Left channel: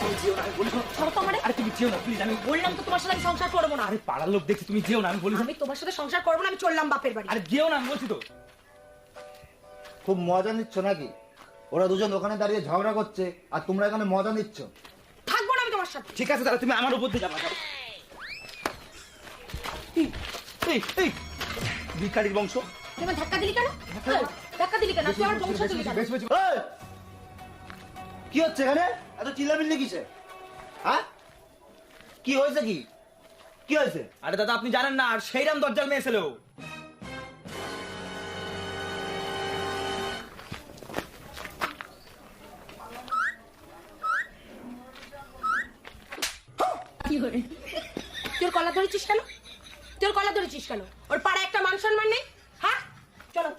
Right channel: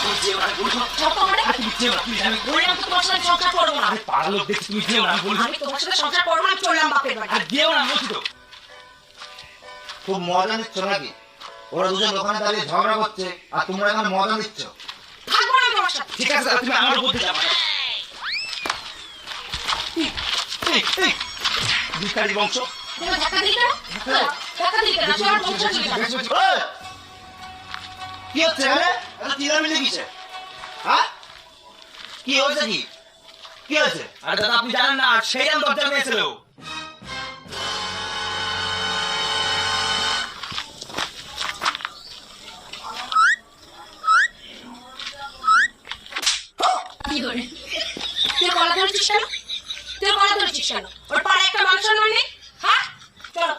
তুমি যেও না, আমি বলি শোনো। আরে তুমি যেও না, প্লিজ, আমি বললাম তো তোমার সাথে আমি সংসার করবো না। আরে পাড়ার লোক দেখছি, তুমি যেও না, আমি বলি আমি তোমার সাথে সংসার করবো না, আমি চললাম বাপের বাড়ি। আরে যেও না, আমি বলছি তো। খুব মজা নিচ্ছ নাকি? ওরা দুজন ওখানে দাঁড়িয়ে ঝগড়া করছে আর তোমরা এখানে মজা নিচ্ছ। থাকবো না আমি তোমার সাথে। ঠিক আছে, তাহলে তুমি আমার উপর দিয়ে যাও। ভিখারি বংশ। তুমি ধাক্কা দিলি কেন? ধাক্কা দিলি কেন? আসলে আমার বংশ দিলি কেন? এই! কি হচ্ছে এখানে? এত চিল্লামিল্লি কিসে? হ্যাঁ? কি হয়েছে কি? কি হয়েছে? আরে দাদা, আপনি জানেন না, আর সেইরাম দরজার মেয়ে ছিল। কি করে? তুই কলা ধরেছিস কেন? তুই কলা ধরেছিস কেন? ওর পাড়ায় একটা মানুষের মান নেই? হ্যাঁ? চলো।